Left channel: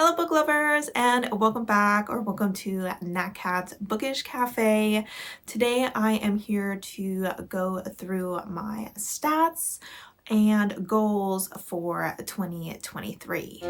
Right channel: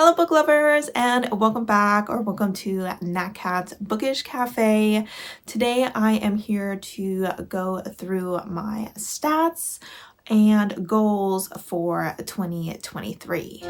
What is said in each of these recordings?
Hello book lovers, and welcome back or welcome to Nat Cat's Bookish Cafe. Today I am here to go through my stats and goals for 2023.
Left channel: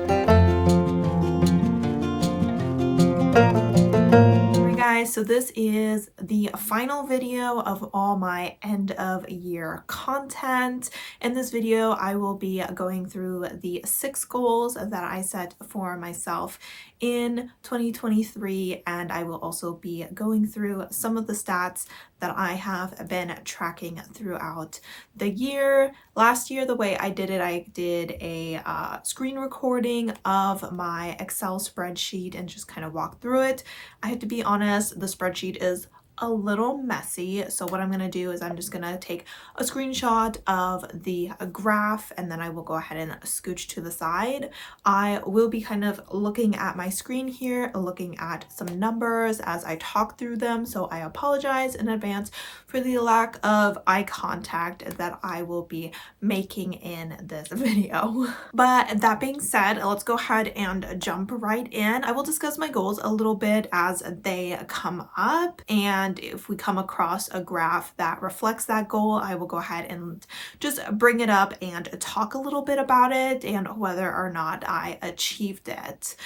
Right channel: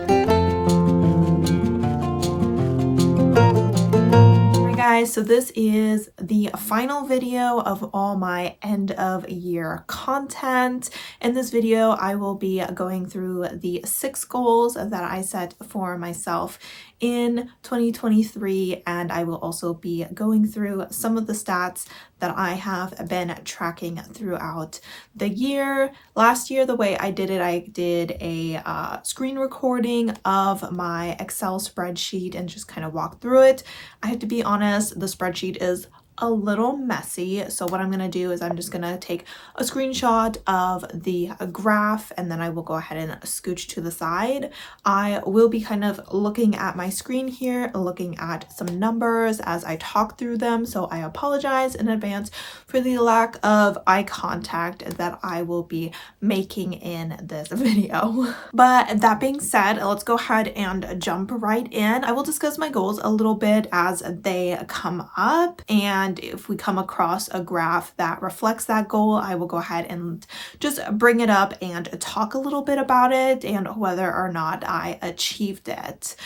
Guys, so this is the final video of all my end of year content. In this video, I will be going through the 6 goals that I set for myself in 2023, and I will also be going through some of the stats that I have been tracking throughout the year. Last year, the way I did it, I did a screen recording of my Excel spreadsheet and just kind of walked through it. I have to be honest, the spreadsheet is a little messy, so what I'm going to do is I'm just going to take a screenshot of the graph and then I will go ahead and scooch to the side. I will be kind of looking at my screen here, looking at some numbers as I talk through them, so I apologize in advance for the lack of eye contact that I will be making in this video. But that being said, let's go ahead and jump right in. I will discuss my goals a little bit as they come up, and if we come across a graph that reflects that goal, I will go ahead and just bring it up and talk a little bit about it and whether or not I achieved it.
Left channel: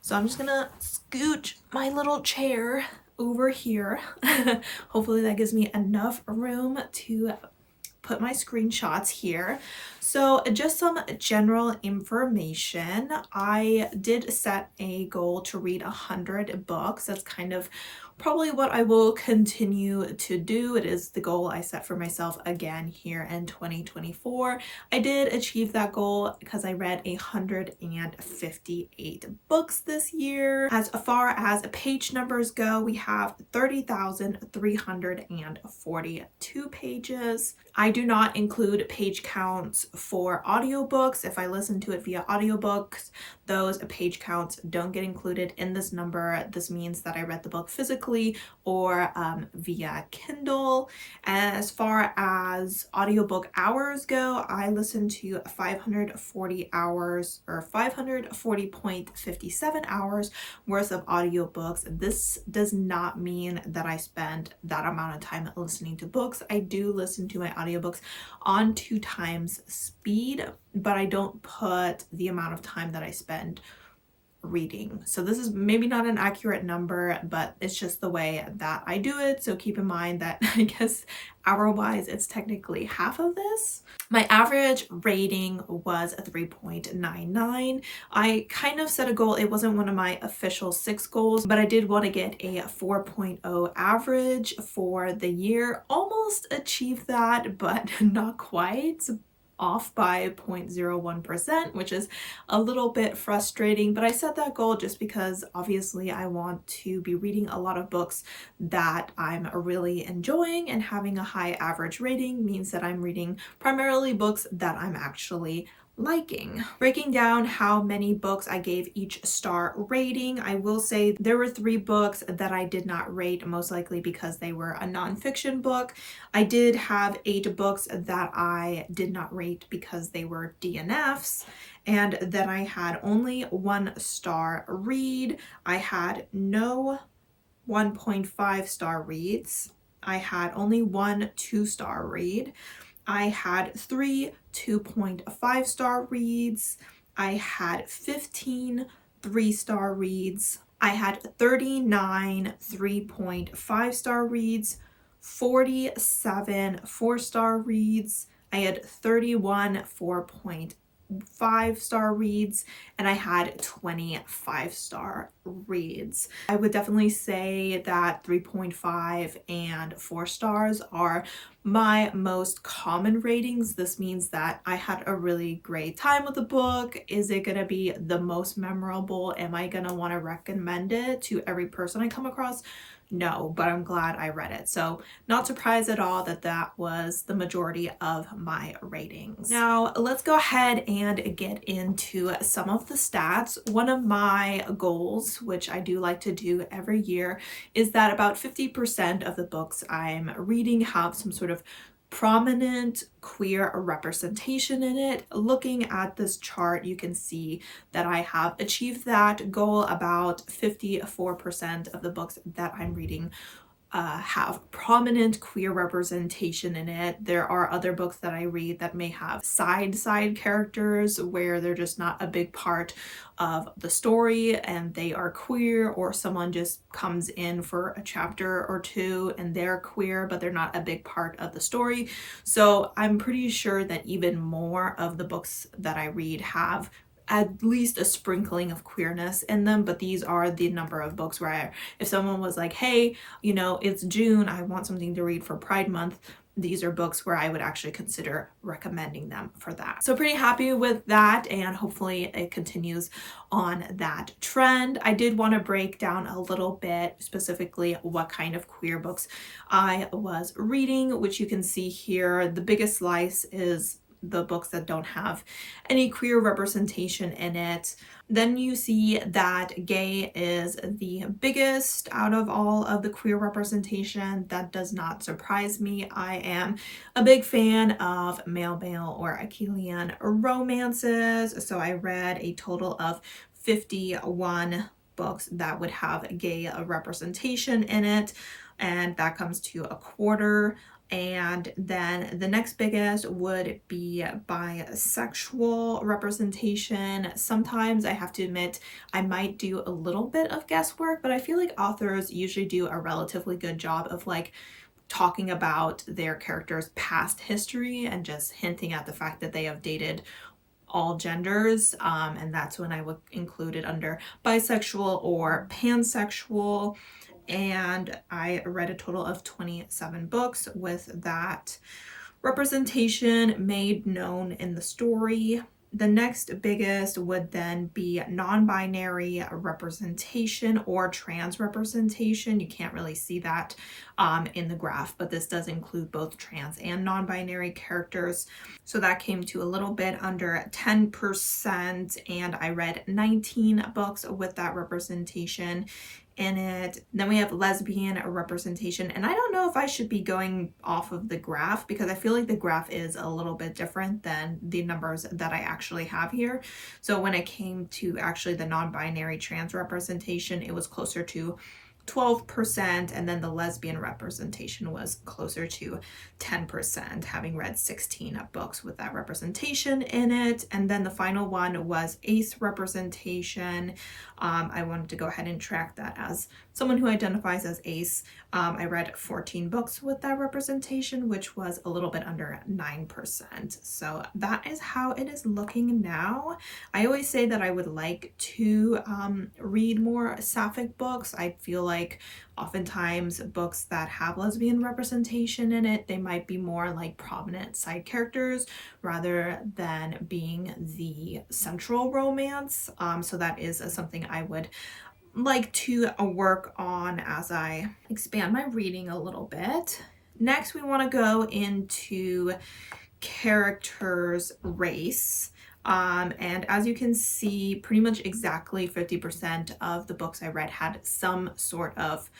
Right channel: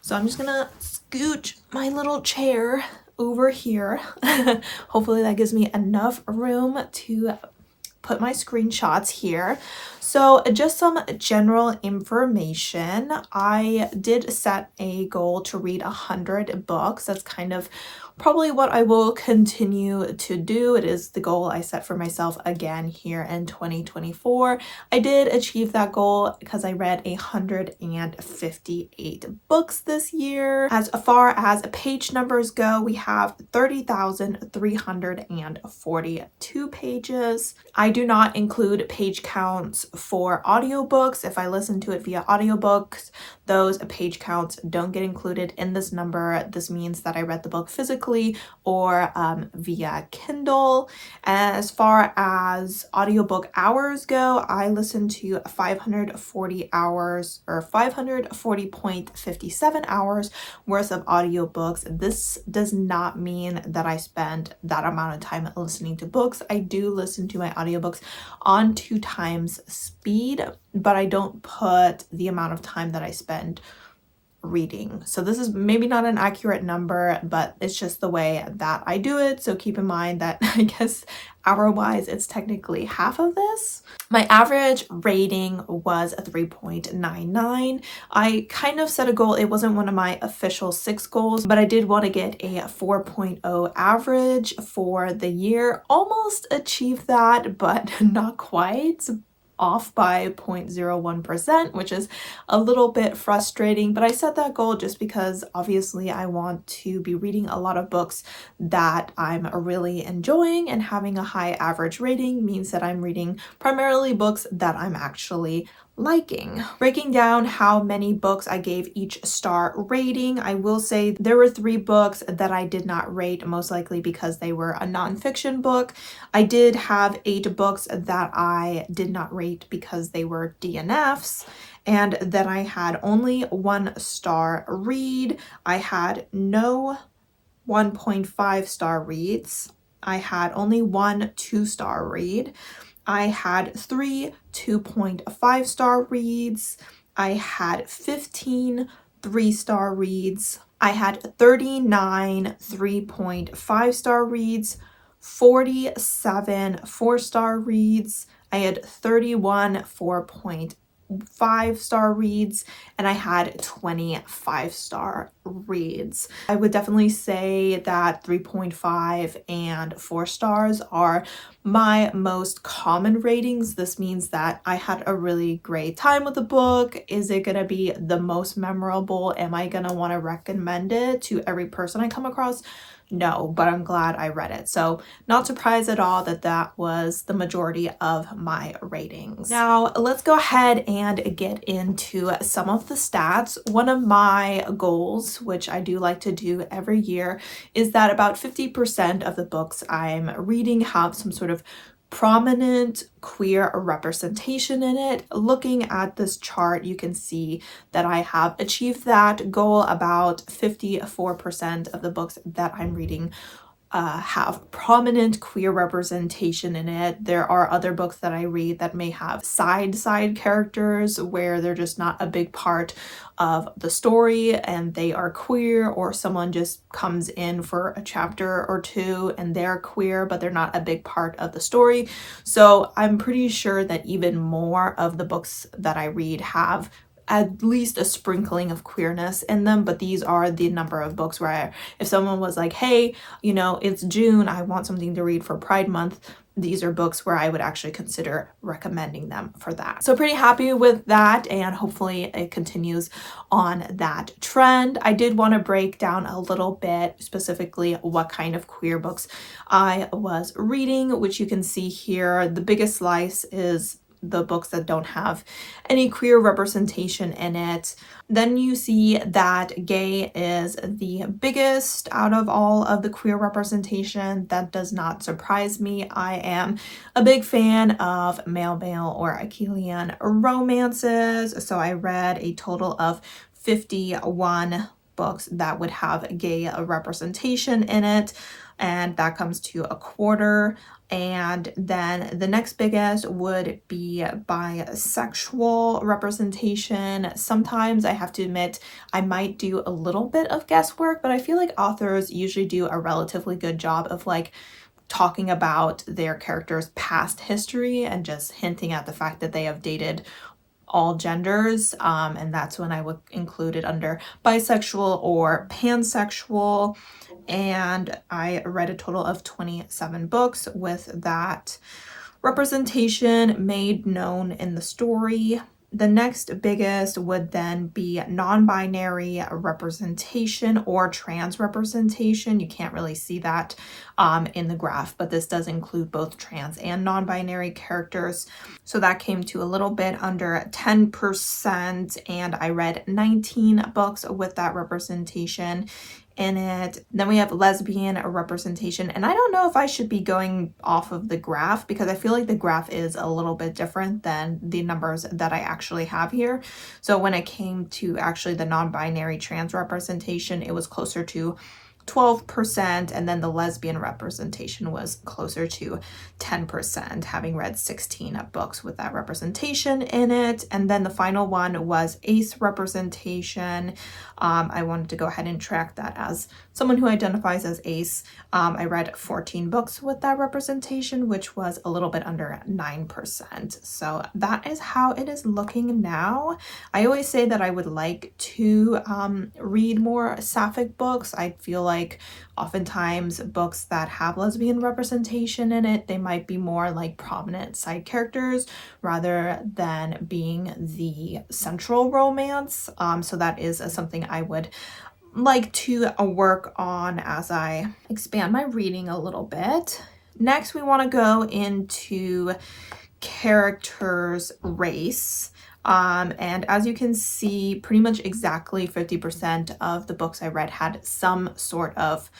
So I'm just gonna scooch my little chair over here. Hopefully that gives me enough room to put my screenshots here. So just some general information. I did set a goal to read 100 books. That's kind of probably what I will continue to do. It is the goal I set for myself again here in 2024. I did achieve that goal because I read 158 books this year. As far as page numbers go, we have 30,342 pages. I do not include page counts for audiobooks. If I listen to it via audiobooks, those page counts don't get included in this number. This means that I read the book physically or via Kindle. As far as audiobook hours go, I listened to 540 hours or 540.57 hours worth of audiobooks. This does not mean that I spend that amount of time listening to books. I do listen to my audiobooks on 2 times speed, but I don't put the amount of time that I spend reading. So this is maybe not an accurate number, but it's just the way that I do it. So keep in mind that I guess hour-wise, it's technically half of this. My average rating was a 3.99. I kind of set a goal. It wasn't one of my official 6 goals, but I did want to get a 4.0 average for the year. Almost achieved that, but not quite. Off by 0.01%, which is a little bit frustrating, but I set that goal just because obviously I want to be reading a lot of books that I'm really enjoying, and having a high average rating means that I'm reading primarily books that I'm actually liking. Breaking down how many books I gave each star rating, I will say there were 3 books that I did not rate, most likely because they were a nonfiction book. I did have 8 books that I did not rate because they were DNFs. And then I had only 1 star read. I had no 1.5 star reads. I had only 1 2-star read. I had 3 2.5 star reads. I had 15 3-star reads. I had 39 3.5 star reads, 47 4-star reads. I had 31 4.5-star reads, and I had 25-star reads. I would definitely say that 3.5 and 4 stars are my most common ratings. This means that I had a really great time with the book. Is it going to be the most memorable? Am I going to want to recommend it to every person I come across? No, but I'm glad I read it. So not surprised at all that that was the majority of my ratings. Now let's go ahead and get into some of the stats. One of my goals, which I do like to do every year, is that about 50% of the books I'm reading have some sort of prominent queer representation in it. Looking at this chart, you can see that I have achieved that goal. About 54% of the books that I'm reading have prominent queer representation in it. There are other books that I read that may have side characters where they're just not a big part of the story and they are queer, or someone just comes in for a chapter or two and they're queer but they're not a big part of the story. So I'm pretty sure that even more of the books that I read have at least a sprinkling of queerness in them, but these are the number of books where if someone was like, hey, you know, it's June, I want something to read for Pride Month, these are books where I would actually consider recommending them for that. So pretty happy with that, and hopefully it continues on that trend. I did want to break down a little bit specifically what kind of queer books I was reading, which you can see here. The biggest slice is the books that don't have any queer representation in it. Then you see that gay is the biggest out of all of the queer representation. That does not surprise me. I am a big fan of male or Achillean romances, so I read a total of 51 books that would have gay representation in it, and that comes to a quarter. And then the next biggest would be bisexual representation. Sometimes I have to admit I might do a little bit of guesswork, but I feel like authors usually do a relatively good job of like talking about their characters' past history and just hinting at the fact that they have dated all genders, and that's when I would include it under bisexual or pansexual. And I read a total of 27 books with that representation made known in the story. The next biggest would then be non-binary representation or trans representation. You can't really see that in the graph, but this does include both trans and non-binary characters. So that came to a little bit under 10%, and I read 19 books with that representation in it. Then we have lesbian representation, and I don't know if I should be going off of the graph because I feel like the graph is a little bit different than the numbers that I actually have here. So when it came to actually the non-binary trans representation, it was closer to 12%, and then the lesbian representation was closer to 10%, having read 16 books with that representation in it. And then the final one was ace representation. I wanted to go ahead and track that as someone who identifies as ace. I read 14 books with that representation, which was a little bit under 9%. So that is how it is looking now. I always say that I would like to read more sapphic books. I feel like oftentimes books that have lesbian representation in it, they might be more like prominent side characters rather than being the central romance. So that is something I would like to work on as I expand my reading a little bit. Next, we want to go into characters' race. And as you can see, pretty much exactly 50% of the books I read had some sort of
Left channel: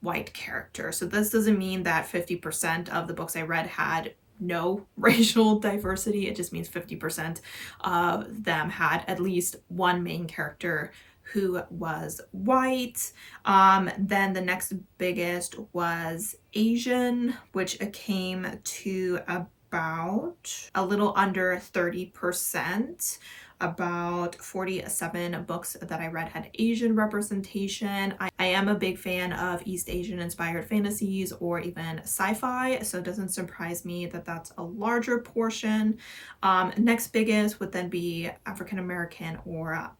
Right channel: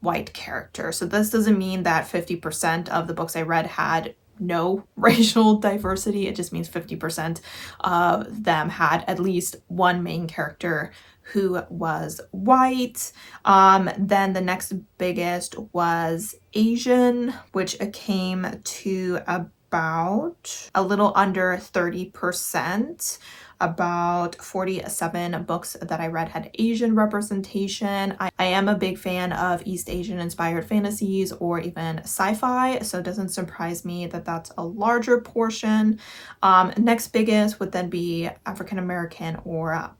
white character. So this doesn't mean that 50% of the books I read had no racial diversity. It just means 50% of them had at least one main character who was white. Then the next biggest was Asian, which came to about a little under 30%. About 47 books that I read had Asian representation. I am a big fan of East Asian inspired fantasies or even sci-fi, so it doesn't surprise me that that's a larger portion. Next biggest would then be African American or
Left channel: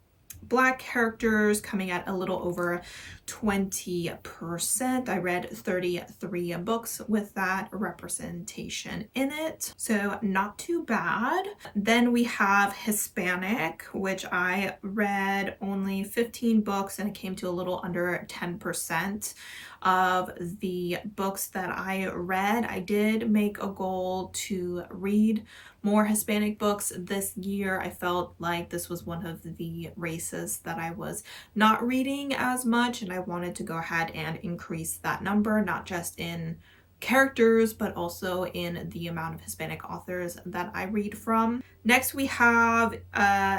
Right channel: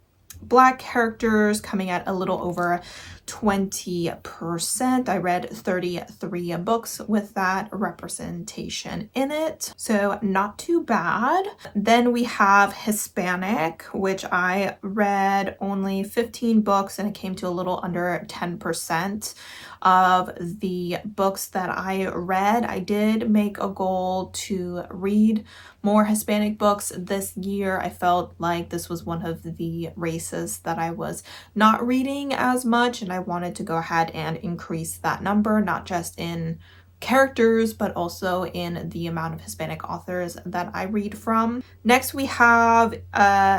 Black characters, coming at a little over 20%. I read 33 books with that representation in it, so not too bad. Then we have Hispanic, which I read only 15 books, and it came to a little under 10% of the books that I read. I did make a goal to read more Hispanic books this year. I felt like this was one of the races that I was not reading as much, and I wanted to go ahead and increase that number, not just in characters, but also in the amount of Hispanic authors that I read from. Next, we have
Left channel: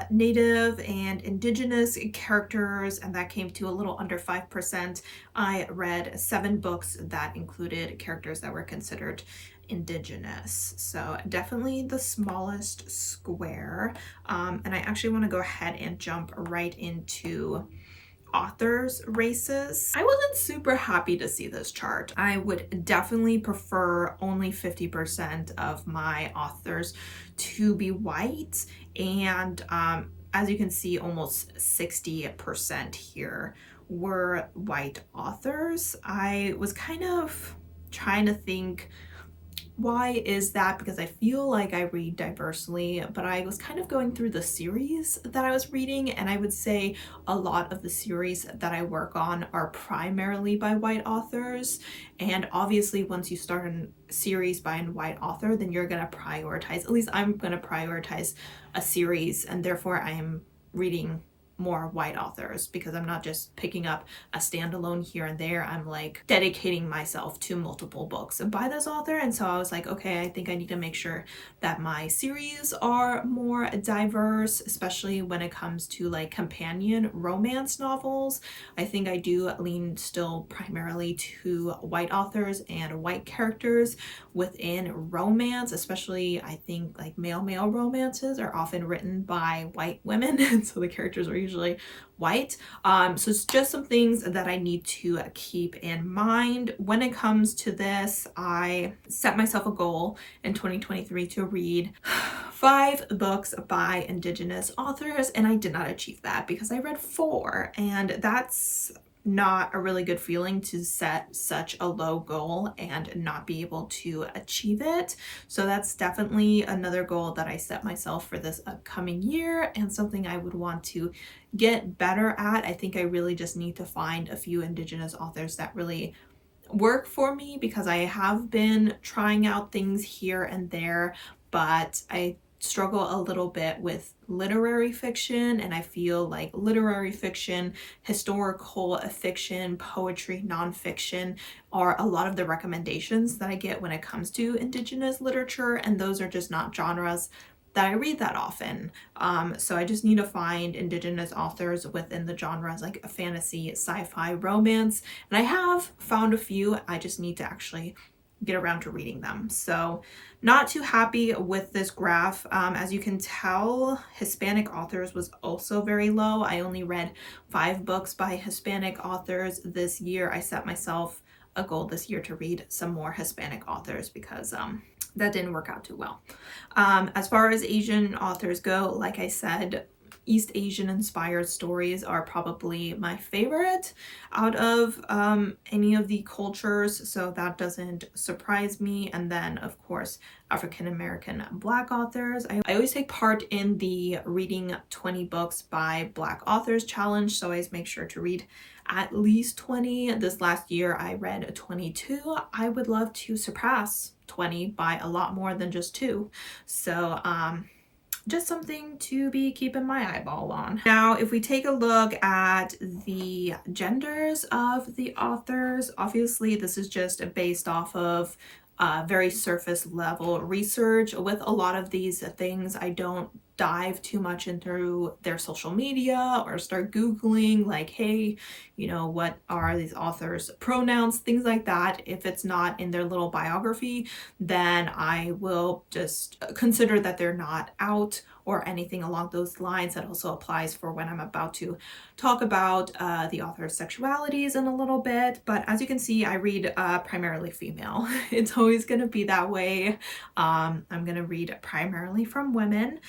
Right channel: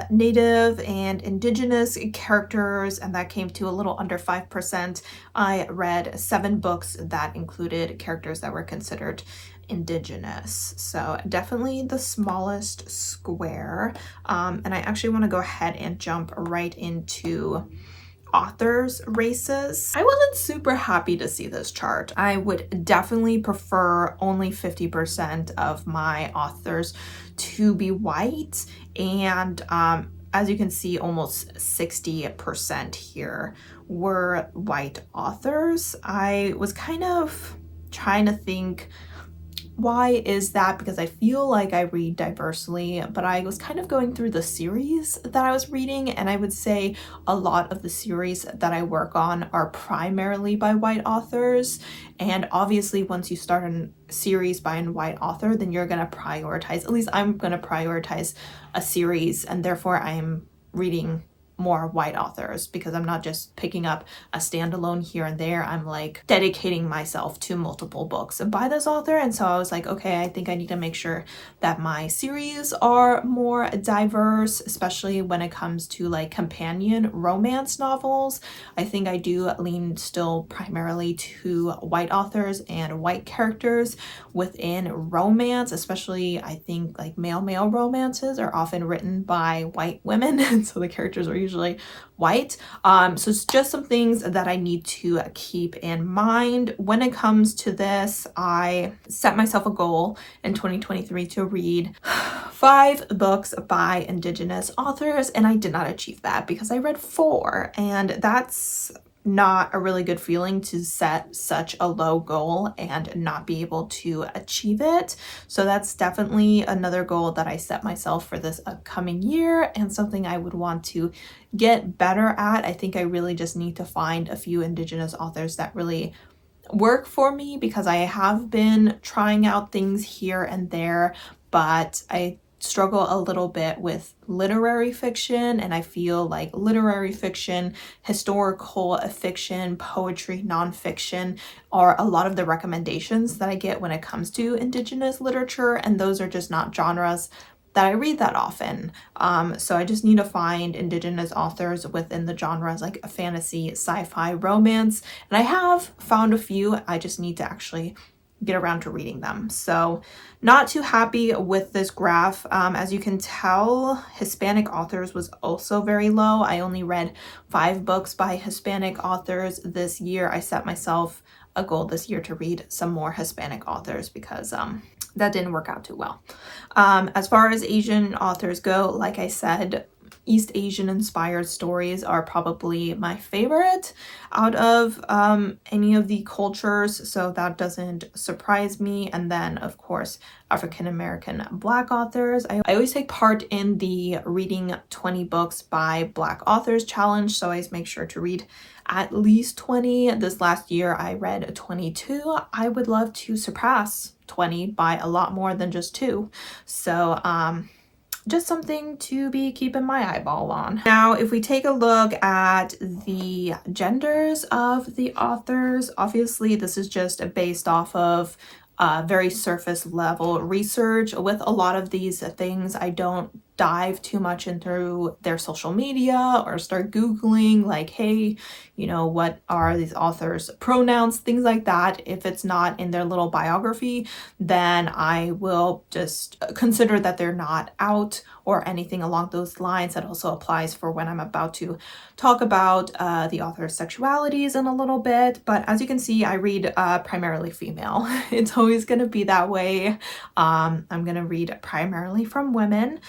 Native and Indigenous characters, and that came to a little under 5%. I read 7 books that included characters that were considered Indigenous, so definitely the smallest square. And I actually want to go ahead and jump right into authors races. I wasn't super happy to see this chart. I would definitely prefer only 50% of my authors to be white, and as you can see, almost 60% here were white authors. I was kind of trying to think, why is that? Because I feel like I read diversely, but I was kind of going through the series that I was reading, and I would say a lot of the series that I work on are primarily by white authors. And obviously, once you start a series by a white author, then you're going to prioritize, at least I'm going to prioritize a series, and therefore I am reading more white authors because I'm not just picking up a standalone here and there. I'm like dedicating myself to multiple books by this author. And so I was like, okay, I think I need to make sure that my series are more diverse, especially when it comes to like companion romance novels. I think I do lean still primarily to white authors and white characters within romance, especially I think like male romances are often written by white women, and so the characters are usually white. So it's just some things that I need to keep in mind. When it comes to this, I set myself a goal in 2023 to read 5 books by Indigenous authors, and I did not achieve that because I read 4, and that's not a really good feeling to set such a low goal and not be able to achieve it. So that's definitely another goal that I set myself for this upcoming year, and something I would want to get better at. I think I really just need to find a few Indigenous authors that really work for me, because I have been trying out things here and there, but I struggle a little bit with literary fiction, and I feel like literary fiction, historical fiction, poetry, nonfiction are a lot of the recommendations that I get when it comes to Indigenous literature, and those are just not genres that I read that often. So I just need to find Indigenous authors within the genres like fantasy, sci-fi, romance, and I have found a few. I just need to actually get around to reading them. So not too happy with this graph. As you can tell, Hispanic authors was also very low. I only read 5 books by Hispanic authors this year. I set myself a goal this year to read some more Hispanic authors because that didn't work out too well. As far as Asian authors go, like I said, East Asian inspired stories are probably my favorite out of any of the cultures, so that doesn't surprise me. And then of course African American Black authors. I always take part in the reading 20 books by Black authors challenge, so I always make sure to read at least 20. This last year I read 22. I would love to surpass 20 by a lot more than just 2. So just something to be keeping my eyeball on. Now, if we take a look at the genders of the authors, obviously this is just based off of very surface level research. With a lot of these things, I don't dive too much into their social media or start Googling like, hey, you know, what are these authors' pronouns, things like that. If it's not in their little biography, then I will just consider that they're not out or anything along those lines. That also applies for when I'm about to talk about the author's sexualities in a little bit. But as you can see, I read primarily female. It's always going to be that way. I'm going to read primarily from women,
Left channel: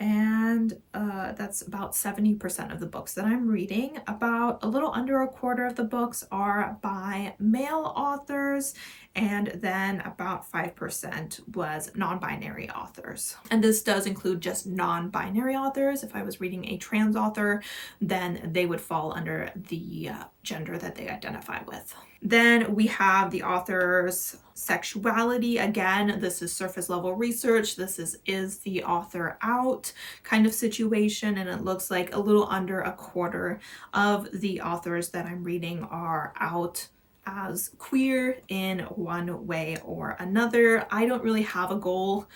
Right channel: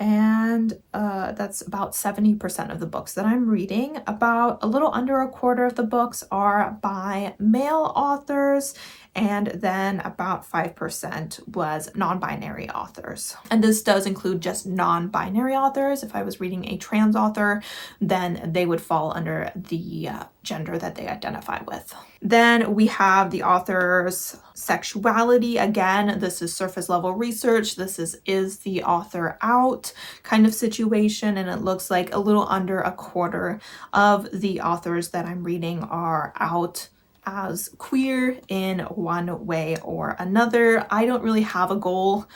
and that's about 70% of the books that I'm reading. About a little under a quarter of the books are by male authors, and then about 5% was non-binary authors. And this does include just non-binary authors. If I was reading a trans author, then they would fall under the gender that they identify with. Then we have the author's sexuality. Again, this is surface level research. This is the author out kind of situation, and it looks like a little under a quarter of the authors that I'm reading are out as queer in one way or another. I don't really have a goal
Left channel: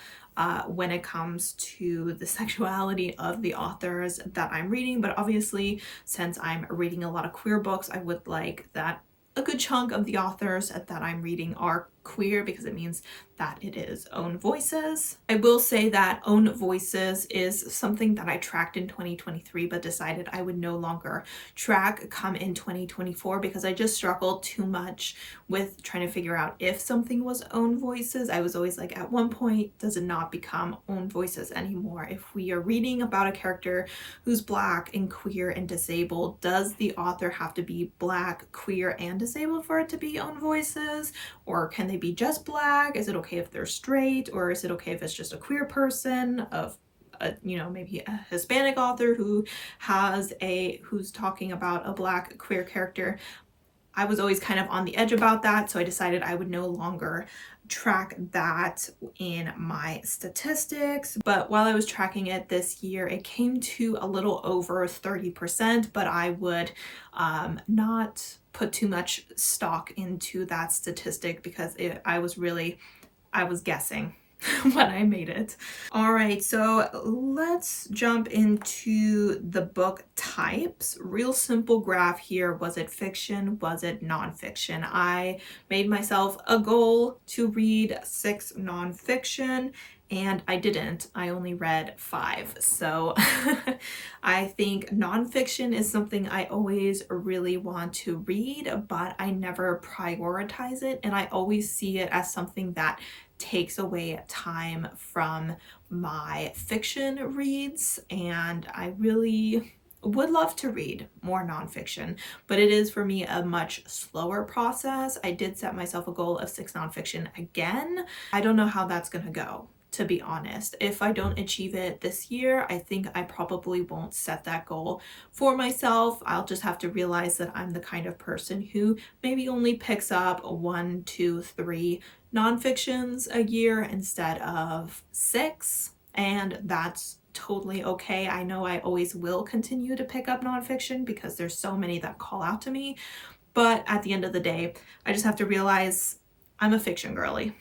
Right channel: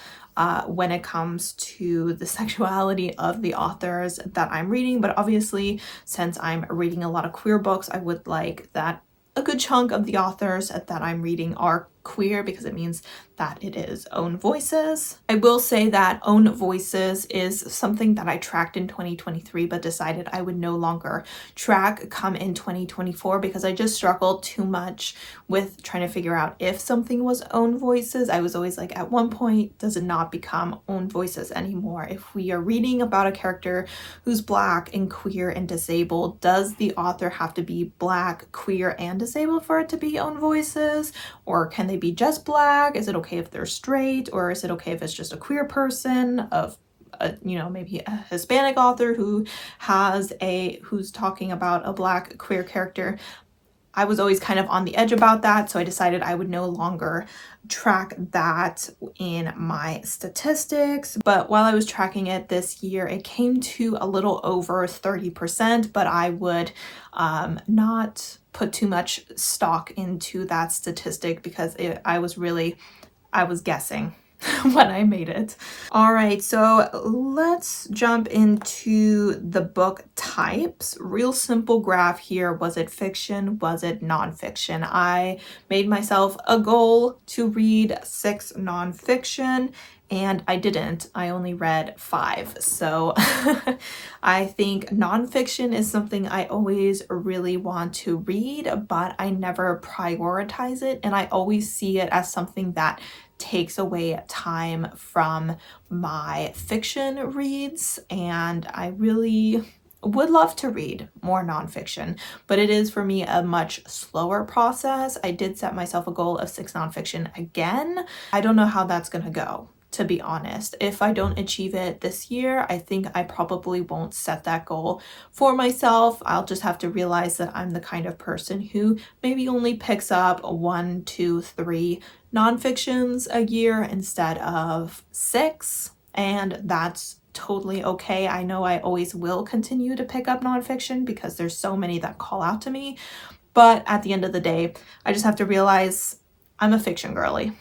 when it comes to the sexuality of the authors that I'm reading, but obviously, since I'm reading a lot of queer books, I would like that a good chunk of the authors that I'm reading are queer, because it means that it is own voices. I will say that own voices is something that I tracked in 2023 but decided I would no longer track come in 2024, because I just struggled too much with trying to figure out if something was own voices. I was always like, at one point, does it not become own voices anymore? If we are reading about a character who's Black and queer and disabled, does the author have to be Black, queer, and disabled for it to be own voices? Or can they be just Black? Is it okay if they're straight? Or is it okay if it's just a queer person of maybe a Hispanic author who's talking about a Black queer character? I was always kind of on the edge about that, so I decided I would no longer track that in my statistics. But while I was tracking it this year, it came to a little over 30%, but I would not put too much stock into that statistic, because I was guessing when I made it. All right, so let's jump into the book types. Real simple graph here. Was it fiction? Was it nonfiction? I made myself a goal to read 6 nonfiction, and I didn't. I only read 5. So I think nonfiction is something I always really want to read, but I never prioritize it, and I always see it as something that takes away time from my fiction reads, and I really would love to read more nonfiction, but it is for me a much slower process. I did set myself a goal of 6 nonfiction again. I don't know how that's gonna go, to be honest. If I don't achieve it this year, I think I probably won't set that goal for myself. I'll just have to realize that I'm the kind of person who maybe only picks up 1, 2, 3 nonfictions a year instead of 6, and that's totally okay. I know I always will continue to pick up nonfiction because there's so many that call out to me, but at the end of the day, I just have to realize I'm a fiction girly.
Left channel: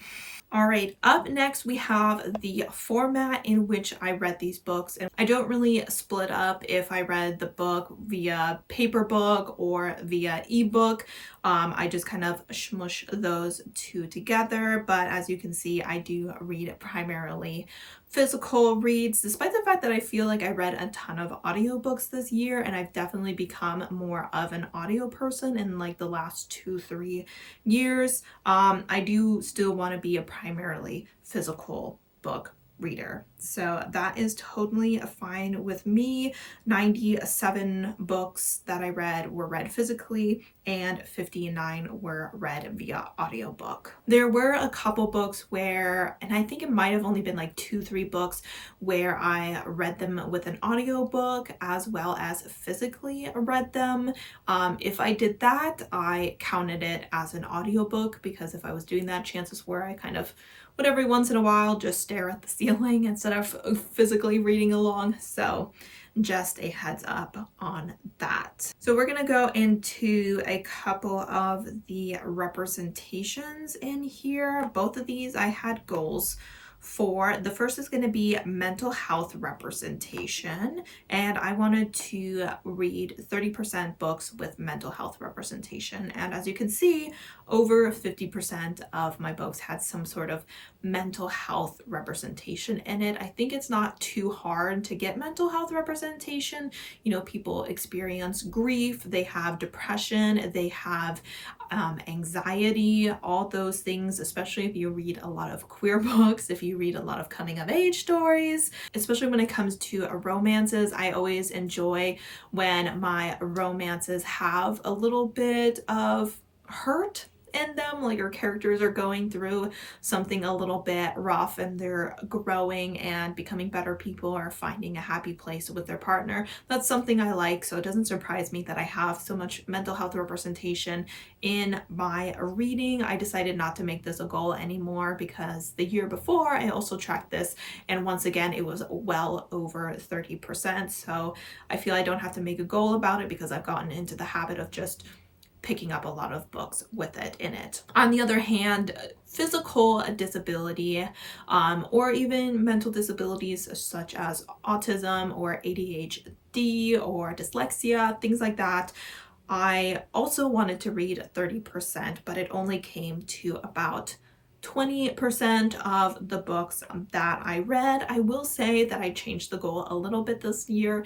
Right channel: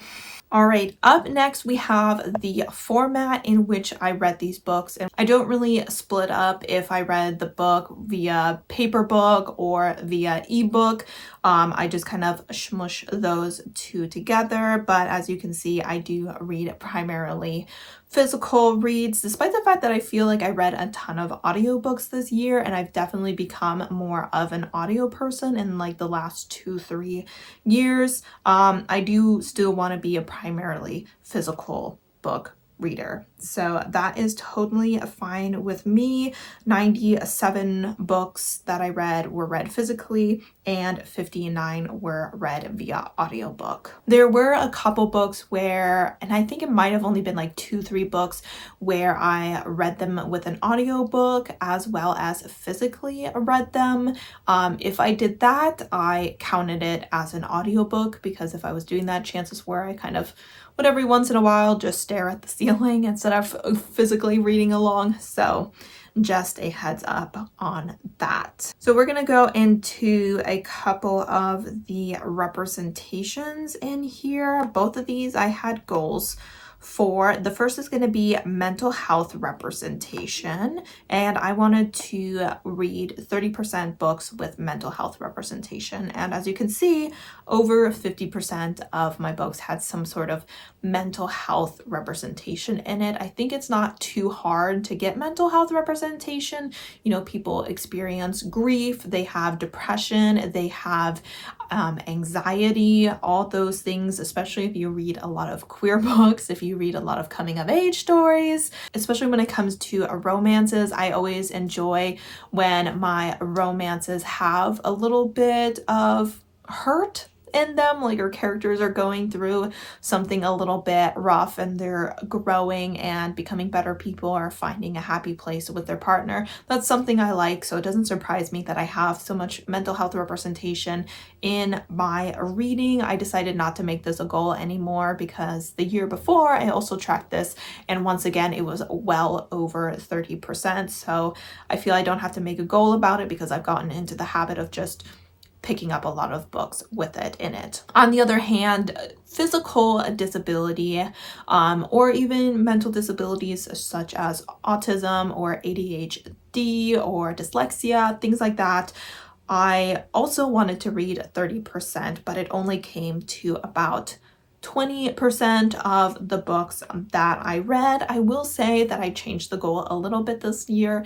All right, up next we have the format in which I read these books, and I don't really split up if I read the book via paper book or via ebook. I just kind of smush those two together, but as you can see, I do read primarily physical reads, despite the fact that I feel like I read a ton of audiobooks this year, and I've definitely become more of an audio person in like the last 2-3 years. I do still want to be a primarily physical book reader, so that is totally fine with me. 97 books that I read were read physically, and 59 were read via audiobook. There were a couple books where, and I think it might have only been like 2-3 books where I read them with an audiobook as well as physically read them. If I did that, I counted it as an audiobook, because if I was doing that, chances were I kind of would every once in a while just stare at the ceiling instead of physically reading along. So just a heads up on that. So we're gonna go into a couple of the representations in here. Both of these I had goals for. The first is going to be mental health representation, and I wanted to read 30% books with mental health representation, and as you can see, over 50% of my books had some sort of mental health representation in it. I think it's not too hard to get mental health representation. You know, people experience grief, they have depression, they have anxiety, all those things, especially if you read a lot of queer books, if you read a lot of coming of age stories, especially when it comes to romances. I always enjoy when my romances have a little bit of hurt in them, like our characters are going through something a little bit rough and they're growing and becoming better people, or finding a happy place with their partner. That's something I like, so it doesn't surprise me that I have so much mental health representation in my reading. I decided not to make this a goal anymore, because the year before I also tracked this, and once again it was well over 30%, so I feel I don't have to make a goal about it, because I've gotten into the habit of just picking up a lot of books with it in it. On the other hand, physical disability or even mental disabilities such as autism or ADHD or dyslexia, things like that, I also wanted to read 30%, but it only came to about 20% of the books that I read. I will say that I changed the goal a little bit this year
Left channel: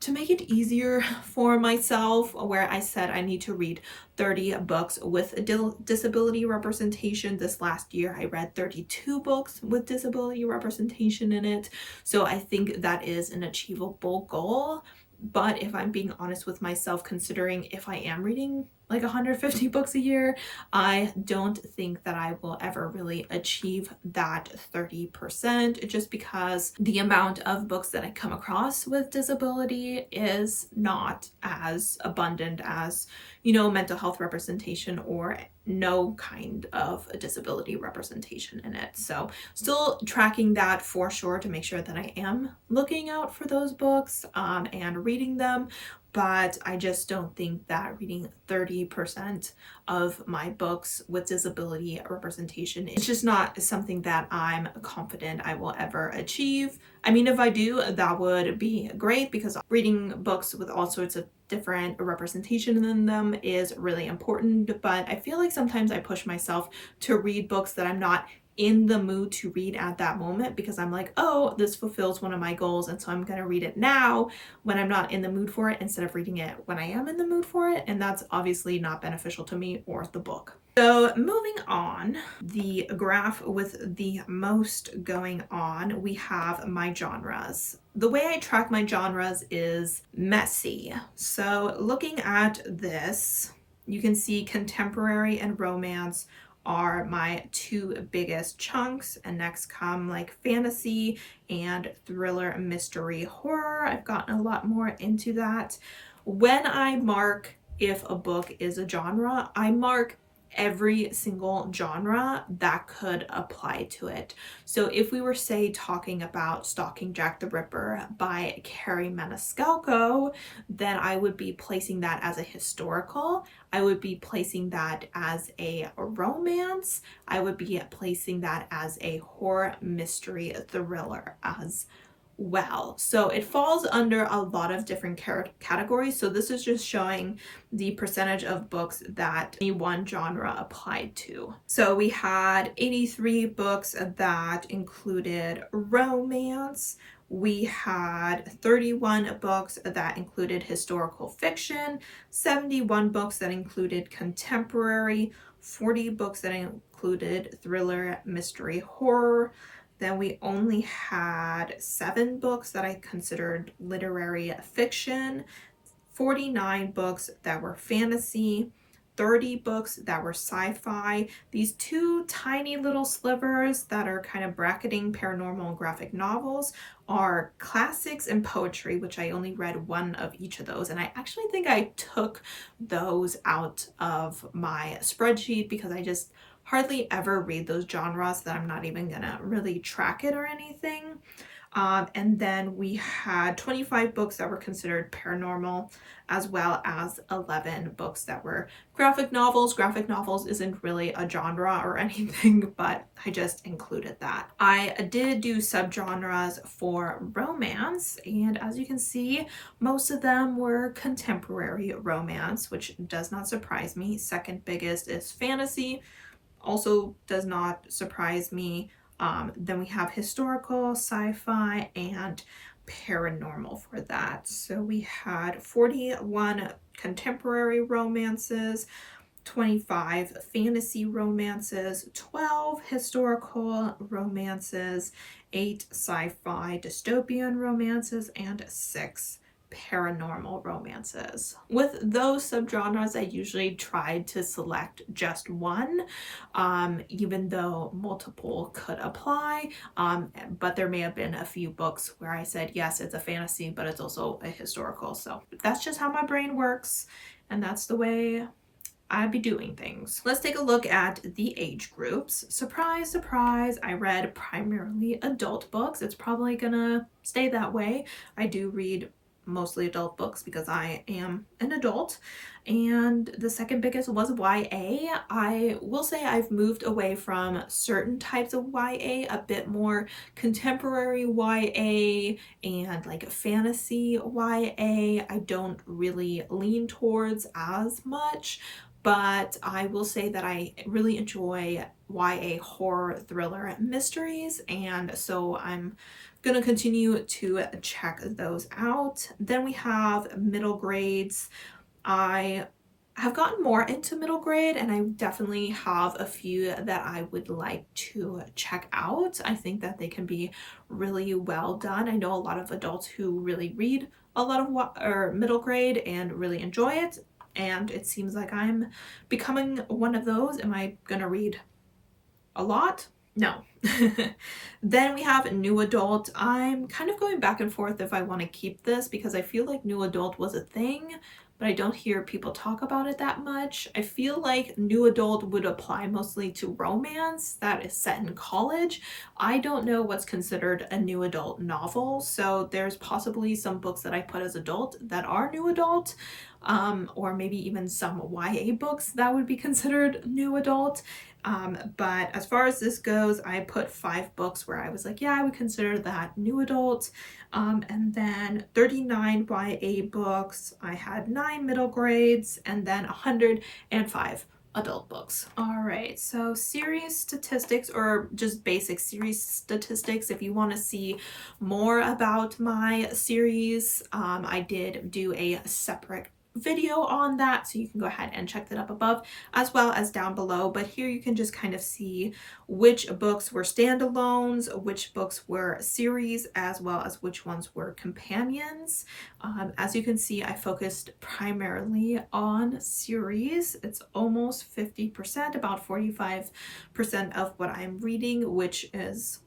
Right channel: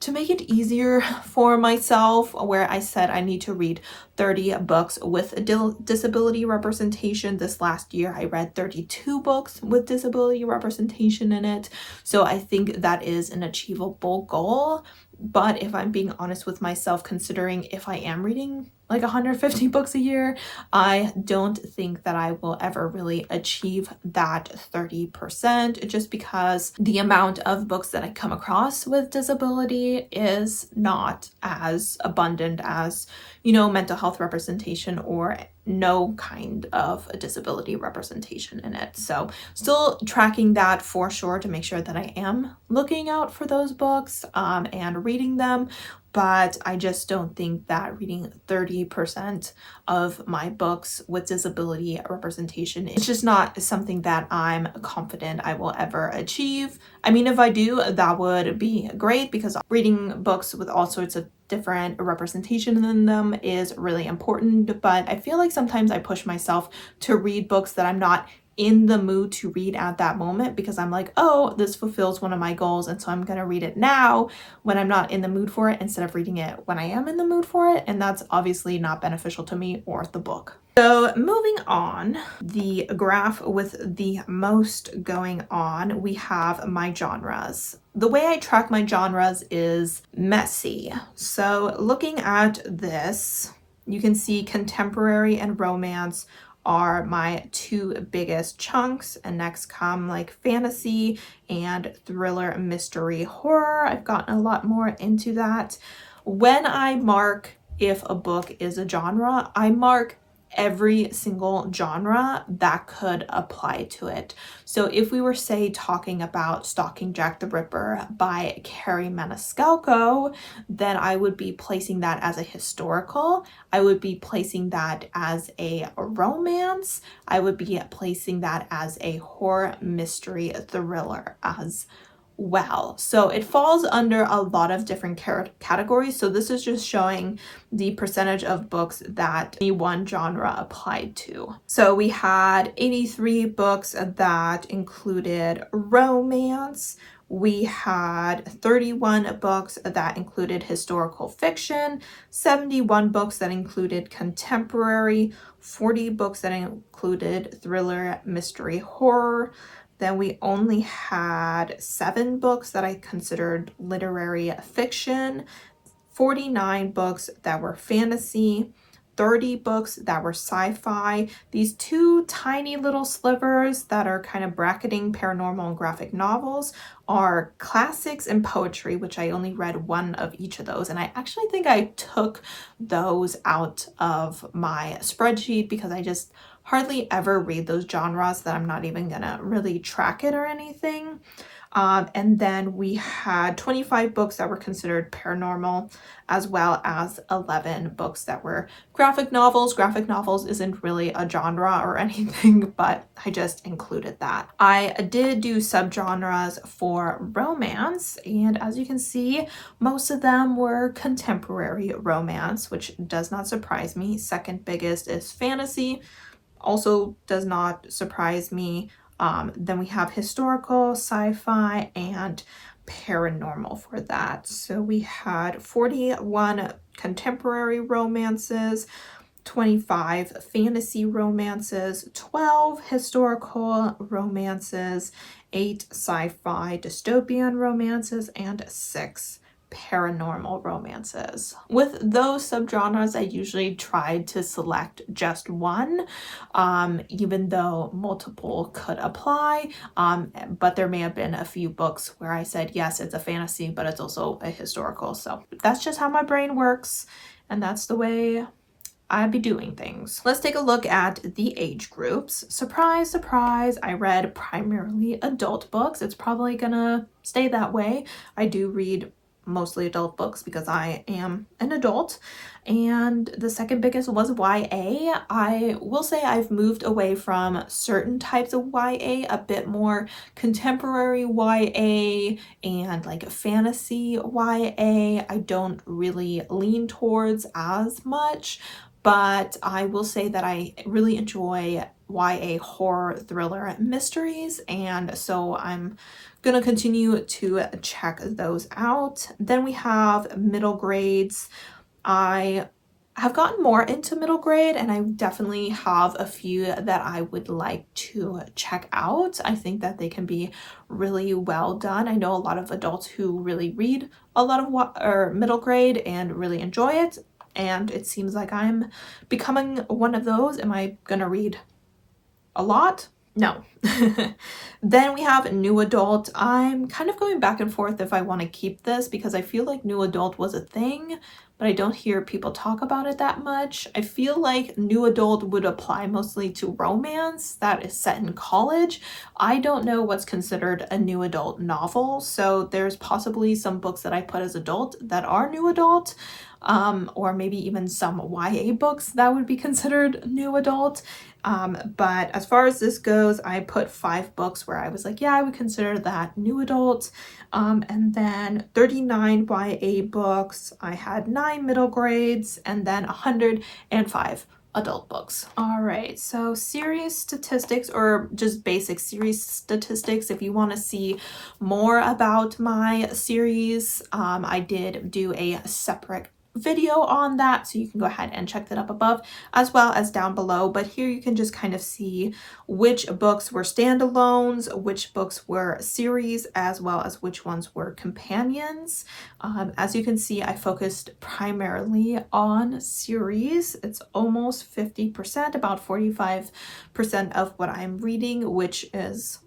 to make it easier for myself, where I said I need to read 30 books with disability representation. This last year I read 32 books with disability representation in it. So I think that is an achievable goal. But if I'm being honest with myself, considering if I am reading like 150 books a year, I don't think that I will ever really achieve that 30%, just because the amount of books that I come across with disability is not as abundant as, you know, mental health representation or no kind of a disability representation in it. So still tracking that for sure to make sure that I am looking out for those books and reading them. But I just don't think that reading 30% of my books with disability representation is just not something that I'm confident I will ever achieve. I mean, if I do, that would be great, because reading books with all sorts of different representation in them is really important. But I feel like sometimes I push myself to read books that I'm not in the mood to read at that moment, because I'm like, oh, this fulfills one of my goals, and so I'm gonna read it now when I'm not in the mood for it, instead of reading it when I am in the mood for it, and that's obviously not beneficial to me or the book. So moving on, the graph with the most going on, we have my genres. The way I track my genres is messy. So looking at this, you can see contemporary and romance are my two biggest chunks, and next come like fantasy and thriller, mystery, horror. I've gotten a lot more into that. When I mark if a book is a genre, I mark every single genre that could apply to it. So if we were, say, talking about Stalking Jack the Ripper by Carrie Maniscalco, then I would be placing that as a historical. I would be placing that as a romance. I would be placing that as a horror, mystery, thriller as well. So it falls under a lot of different categories. So this is just showing the percentage of books that any one genre applied to. So we had 83 books that included romance. We had 31 books that included historical fiction, 71 books that included contemporary, 40 books that included thriller, mystery, horror. Then we only had 7 books that I considered literary fiction, 49 books that were fantasy, 30 books that were sci-fi. These two tiny little slivers that are kind of bracketing paranormal and graphic novels are classics and poetry, which I only read one of each of those. And I actually think I took those out of my spreadsheet because I just hardly ever read those genres, that I'm not even gonna really track it or anything. And then we had 25 books that were considered paranormal, as well as 11 books that were graphic novels. Graphic novels isn't really a genre or anything, but I just included that. I did do subgenres for romance, and as you can see, most of them were contemporary romance, which does not surprise me. Second biggest is fantasy, also does not surprise me. Then we have historical, sci-fi, and paranormal for that. So we had 41 contemporary romances, 25 fantasy romances, 12 historical romances, 8 sci-fi dystopian romances, and 6 paranormal romances. With those subgenres, I usually tried to select just one, even though multiple could apply, but there may have been a few books where I said, yes, it's a fantasy, but it's also a historical. So that's just how my brain works, and that's the way I'd be doing things. Let's take a look at the age groups. Surprise, surprise, I read primarily adult books. It's probably gonna stay that way. I do read mostly adult books because I am an adult, And the second biggest was YA. I will say I've moved away from certain types of YA, a bit more contemporary YA and like fantasy YA. I don't really lean towards as much, but I will say that I really enjoy YA horror, thriller, mysteries, and so I'm gonna continue to check those out. Then we have middle grades. I have gotten more into middle grade, and I definitely have a few that I would like to check out. I think that they can be really well done. I know a lot of adults who really read a lot of middle grade and really enjoy it, and it seems like I'm becoming one of those. Am I gonna read a lot? No. Then we have new adult. I'm kind of going back and forth if I want to keep this because I feel like new adult was a thing, but I don't hear people talk about it that much. I feel like new adult would apply mostly to romance that is set in college. I don't know what's considered a new adult novel, so there's possibly some books that I put as adult that are new adult, or maybe even some YA books that would be considered new adult. But as far as this goes, I put 5 books where I was like, yeah, I would consider that new adult. And then 39 YA books. I had 9 middle grades and then 105 adult books. All right, so series statistics, or just basic series statistics. If you want to see more about my series, I did do a separate video on that, so you can go ahead and check that up above as well as down below. But here you can just kind of see which books were standalones, which books were series, as well as which ones were companions. As you can see, I focused primarily on series. It's almost 50%, about 45% of what I'm reading, which is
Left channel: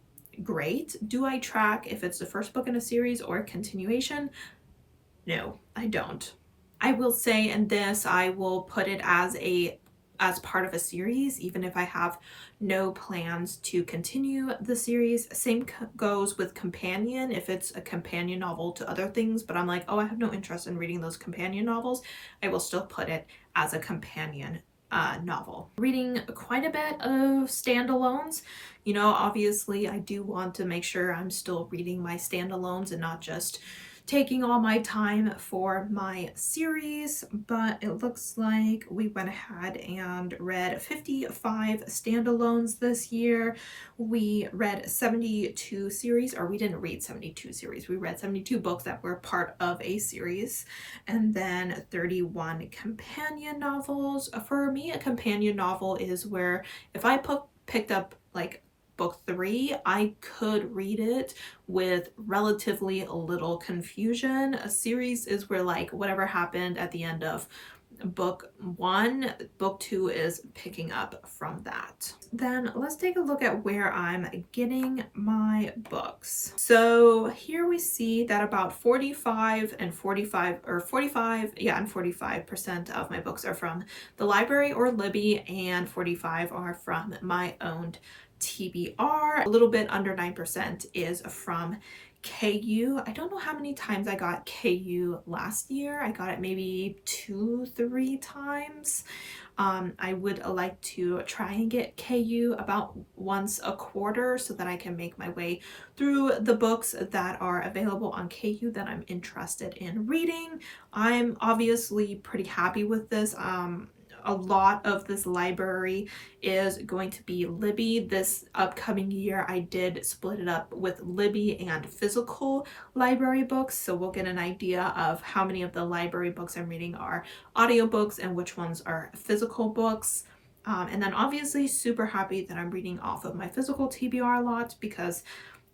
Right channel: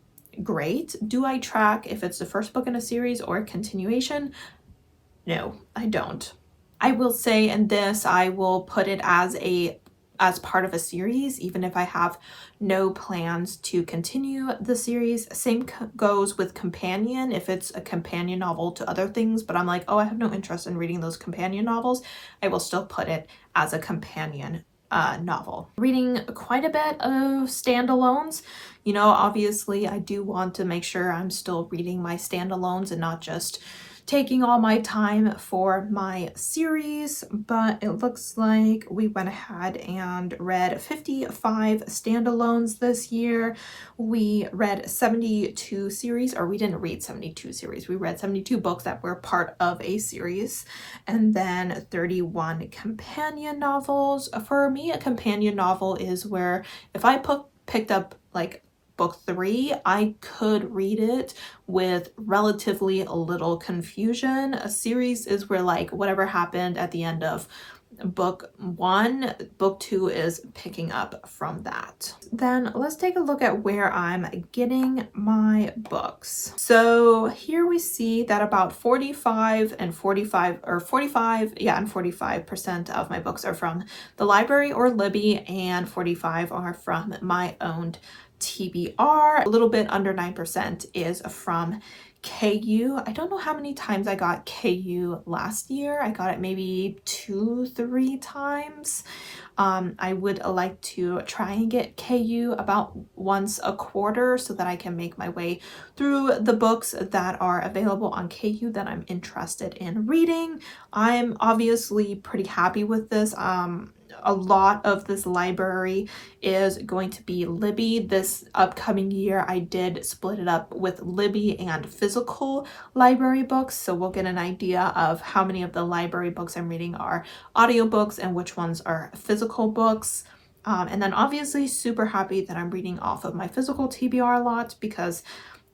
great. Do I track if it's the first book in a series or a continuation? No, I don't. I will say in this, I will put it as part of a series, even if I have no plans to continue the series. Same goes with companion. If it's a companion novel to other things, but I'm like, oh, I have no interest in reading those companion novels, I will still put it as a companion novel. Reading quite a bit of standalones. You know, obviously I do want to make sure I'm still reading my standalones and not just taking all my time for my series, but it looks like we went ahead and read 55 standalones this year. We read 72 series, or we didn't read 72 series. We read 72 books that were part of a series, and then 31 companion novels. For me, a companion novel is where if I picked up like book 3, I could read it with relatively little confusion. A series is where like whatever happened at the end of book 1, book 2 is picking up from that. Then let's take a look at where I'm getting my books. So here we see that about 45% of my books are from the library or Libby, and 45 are from my owned TBR. A little bit under 9% is from KU. I don't know how many times I got KU last year. I got it maybe 2-3 times. I would like to try and get KU about once a quarter so that I can make my way through the books that are available on KU that I'm interested in reading. I'm obviously pretty happy with this. A lot of this library is going to be Libby. This upcoming year, I did split it up with Libby and physical library books, so we'll get an idea of how many of the library books I'm reading are audiobooks and which ones are physical books. And then obviously super happy that I'm reading off of my physical TBR lot, because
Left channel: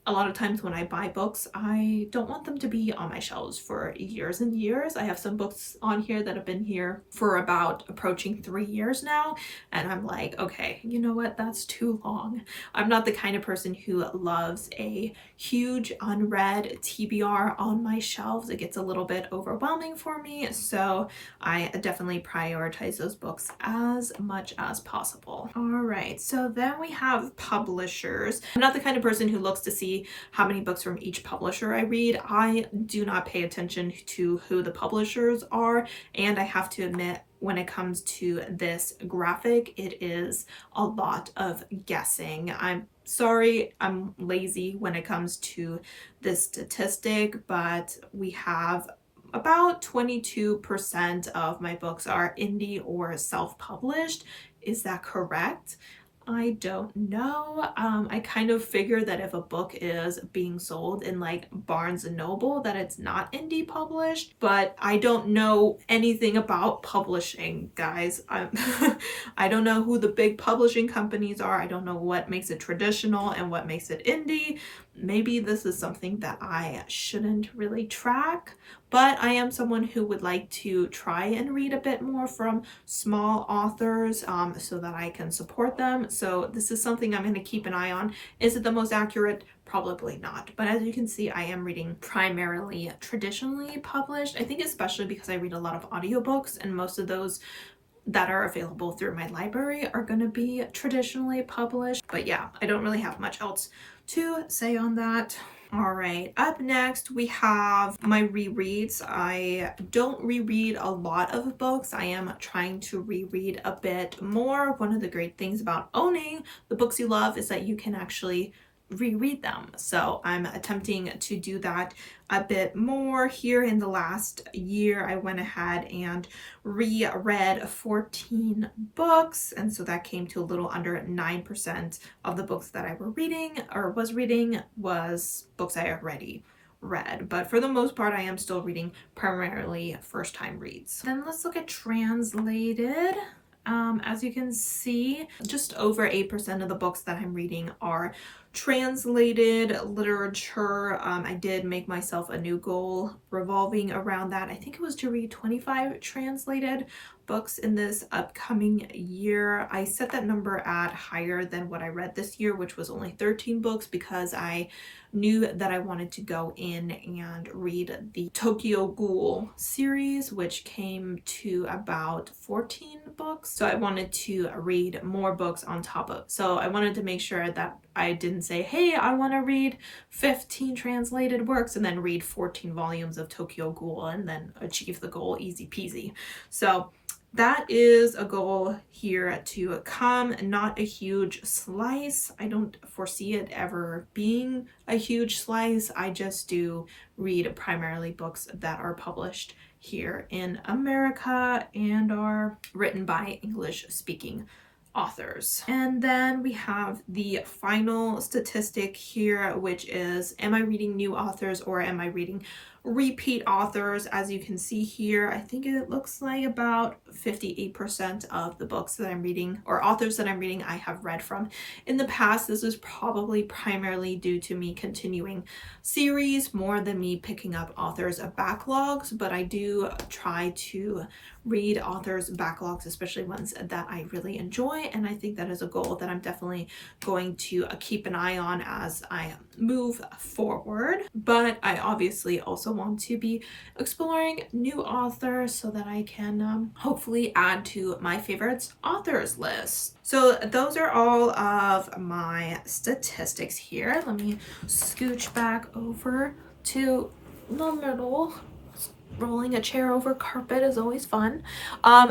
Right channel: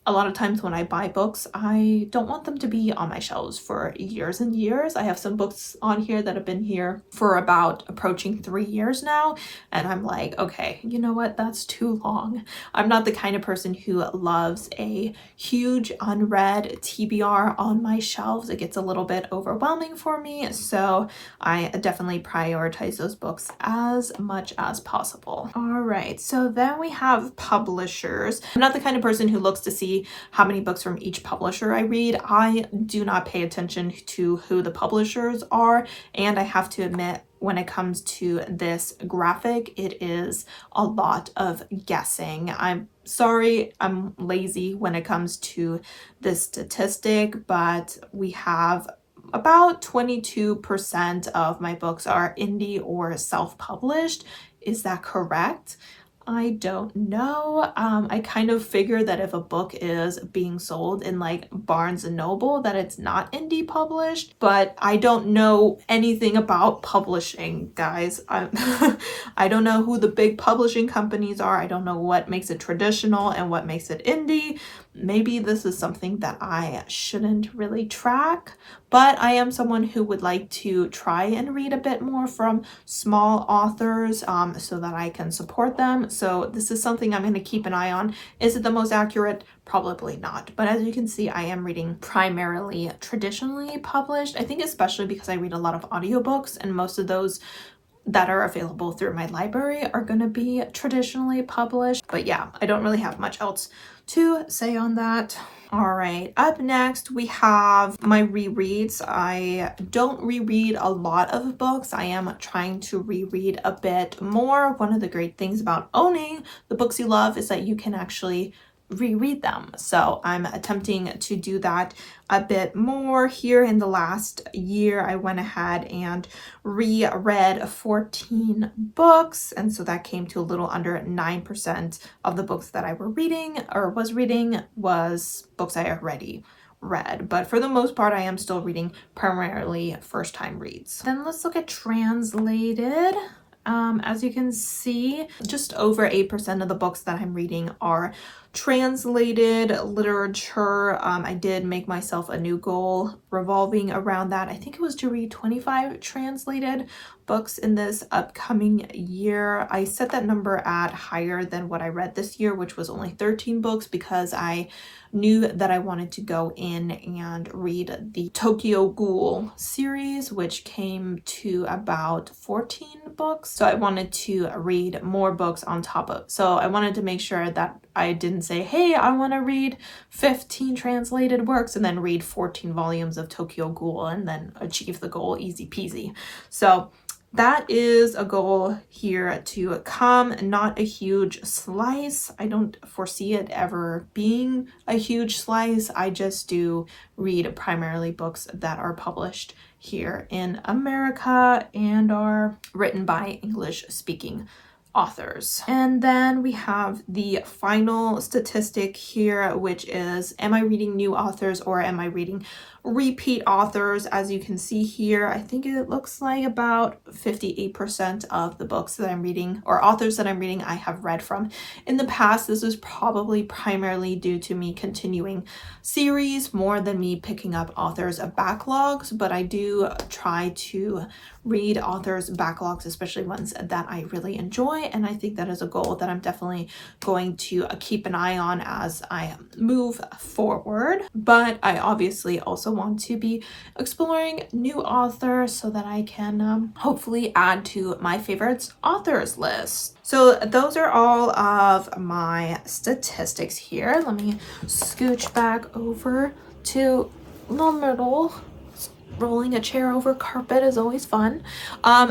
a lot of times when I buy books, I don't want them to be on my shelves for years and years. I have some books on here that have been here for about approaching 3 years now, and I'm like, okay, you know what? That's too long. I'm not the kind of person who loves a huge unread TBR on my shelves. It gets a little bit overwhelming for me, so I definitely prioritize those books as much as possible. All right, so then we have publishers. I'm not the kind of person who looks to see how many books from each publisher I read. I do not pay attention to who the publishers are, and I have to admit, when it comes to this graphic, it is a lot of guessing. I'm sorry, I'm lazy when it comes to this statistic, but we have about 22% of my books are indie or self-published. Is that correct? I don't know. I kind of figure that if a book is being sold in like Barnes and Noble, that it's not indie published, but I don't know anything about publishing, guys. I don't know who the big publishing companies are. I don't know what makes it traditional and what makes it indie. Maybe this is something that I shouldn't really track, but I am someone who would like to try and read a bit more from small authors so that I can support them. So this is something I'm going to keep an eye on. Is it the most accurate? Probably not. But as you can see, I am reading primarily traditionally published. I think especially because I read a lot of audiobooks, and most of those that are available through my library are going to be traditionally published. But yeah, I don't really have much else to say on that. All right, up next we have my rereads. I don't reread a lot of books. I am trying to reread a bit more. One of the great things about owning the books you love is that you can actually reread them. So I'm attempting to do that a bit more. Here in the last year, I went ahead and reread 14 books, and so that came to a little under 9% of the books that I was reading was books I already read. But for the most part, I am still reading primarily first time reads. Then let's look at translated. As you can see, just over 8% of the books that I'm reading are translated literature. I did make myself a new goal revolving around that. I think it was to read 25 translated books in this upcoming year. I set that number at higher than what I read this year, which was only 13 books, because I knew that I wanted to go in and read the Tokyo Ghoul series, which came to about 14 books. So I wanted to read more books on top of, so I wanted to make sure that I didn't say, hey, I want to read 15 translated works and then read 14 volumes of Tokyo Ghoul and then achieve the goal easy peasy. So that is a goal here to come, not a huge slice. I don't foresee it ever being a huge slice. I just do read primarily books that are published here in America and are written by English-speaking authors. And then we have the final statistic here, which is, am I reading new authors or am I reading repeat authors? As you can see here, I think it looks like about 58% of the books that I'm reading, or authors that I'm reading, I have read from in the past. This is probably primarily due to me continuing series more than me picking up authors of backlogs, but I do try to read authors' backlogs, especially ones that I really enjoy, and I think that is a goal that I'm definitely going to keep an eye on as I move forward. But I obviously also want to be exploring new authors so that I can hopefully add to my favorites authors list. So those are all of my statistics here. Let me scooch back over to the middle. Rolling a chair over carpet is always fun.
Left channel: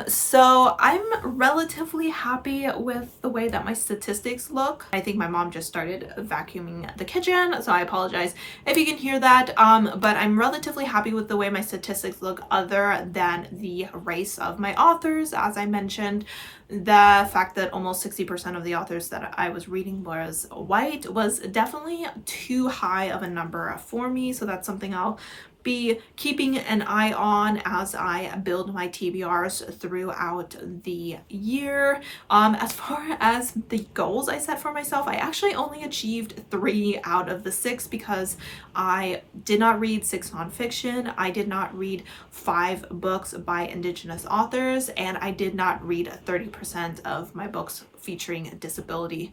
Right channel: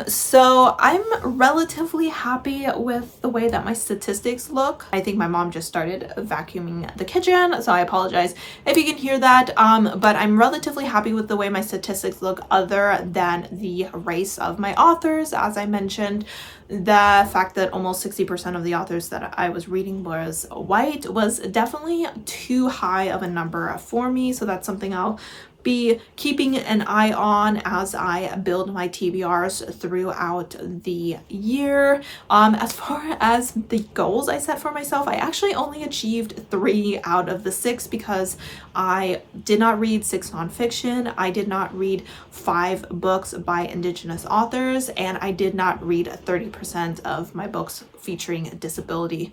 So I'm relatively happy with the way that my statistics look. I think my mom just started vacuuming the kitchen, so I apologize if you can hear that. But I'm relatively happy with the way my statistics look, other than the race of my authors. As I mentioned, the fact that almost 60% of the authors that I was reading was white was definitely too high of a number for me. So that's something I'll be keeping an eye on as I build my TBRs throughout the year. As far as the goals I set for myself, I actually only achieved 3 out of the 6 because I did not read 6 nonfiction, I did not read 5 books by Indigenous authors, and I did not read 30% of my books featuring disability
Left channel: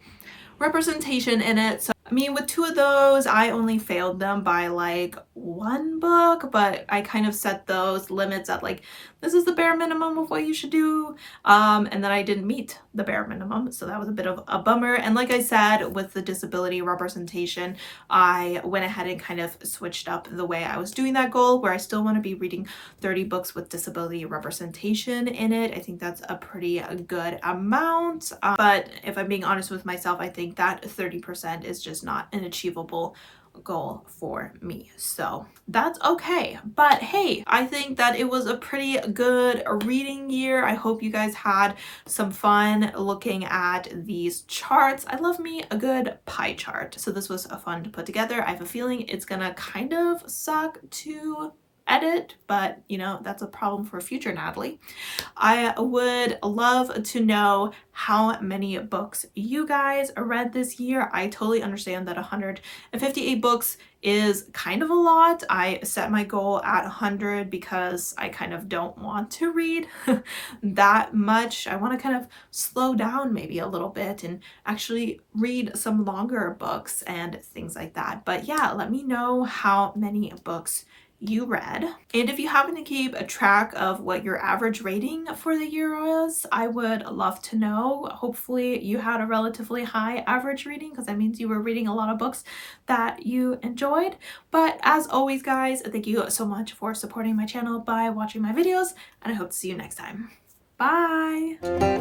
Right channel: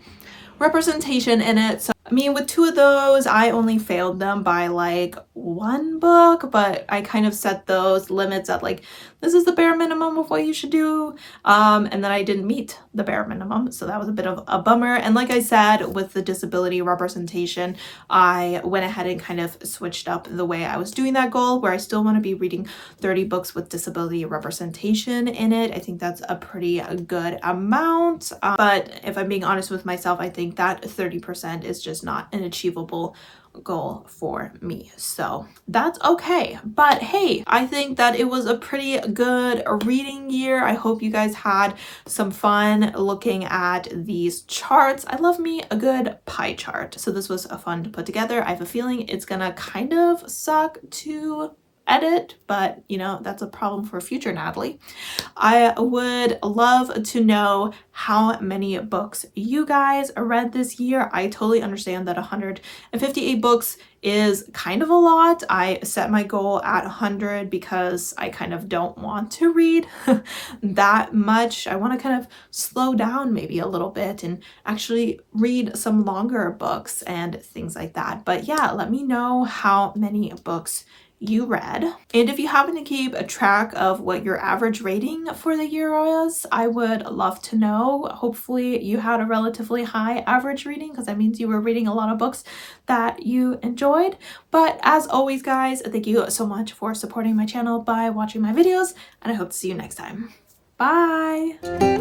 representation in it. So I mean, with 2 of those, I only failed them by like one book, but I kind of set those limits at like, this is the bare minimum of what you should do. And then I didn't meet the bare minimum, so that was a bit of a bummer. And like I said, with the disability representation, I went ahead and kind of switched up the way I was doing that goal, where I still want to be reading 30 books with disability representation in it. I think that's a pretty good amount. But if I'm being honest with myself, I think that 30% is just not an achievable goal for me, so that's okay. But hey, I think that it was a pretty good reading year. I hope you guys had some fun looking at these charts. I love me a good pie chart, so this was fun to put together. I have a feeling it's gonna kind of suck to edit, but you know, that's a problem for future Natalie. I would love to know how many books you guys read this year. I totally understand that 158 books is kind of a lot. I set my goal at 100 because I kind of don't want to read that much. I want to kind of slow down maybe a little bit and actually read some longer books and things like that. But yeah, let me know how many books you read. And if you happen to keep a track of what your average rating for the year was, I would love to know. Hopefully you had a relatively high average reading, because that means you were reading a lot of books that you enjoyed. But as always, guys, thank you so much for supporting my channel by watching my videos, and I hope to see you next time. Bye!